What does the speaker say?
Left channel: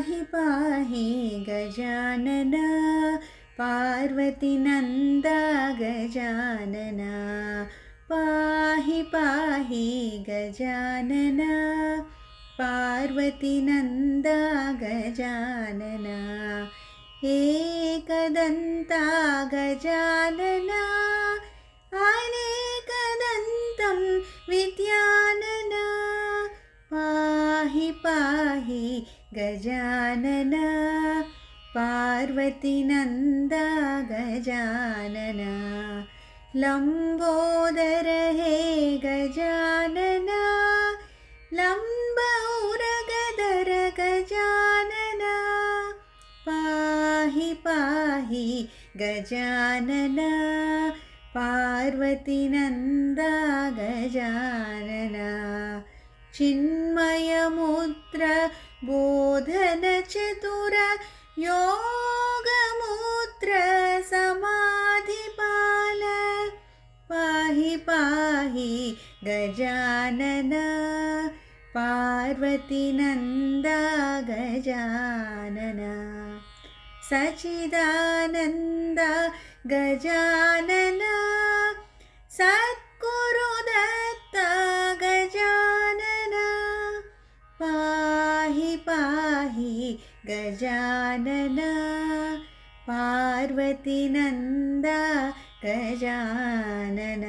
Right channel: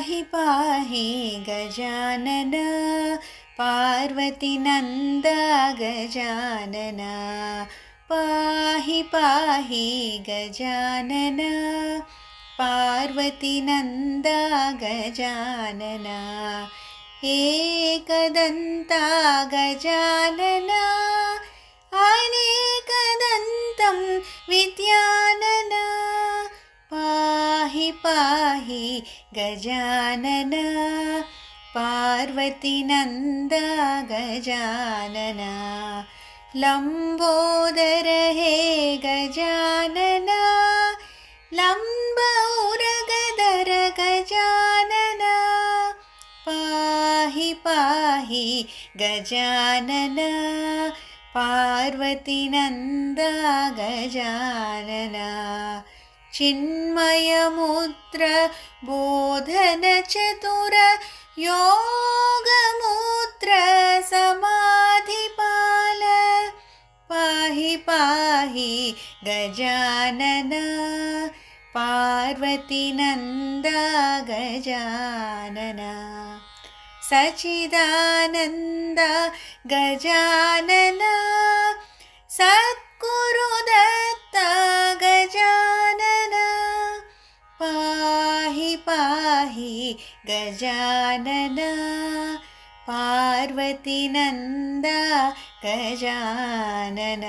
पाहि पाहि गजानन पार्वतीनन्दा गजानन पाहि पाहि गजानन पार्वतीनन्दा गजानन एकदन्ता गजानन अनेकदन्तं विद्यानन पाहि पाहि गजानन पार्वतीनन्दा गजानन लम्बोदर हे गजानन लम्बौरगदर गजानन पाहि पाहि गजानन पार्वतीनन्दा गजानन चिन्मयमुद्र बोधनचतुर योगमुद्र समाधिपाल पाहि पाहि गजानन पार्वतीनन्दा गजानन सच्चिदानन्द गजानन सद्गुरुदत्त गजानन पाहि पाहि गजानन पार्वतीनन्दा गजानन।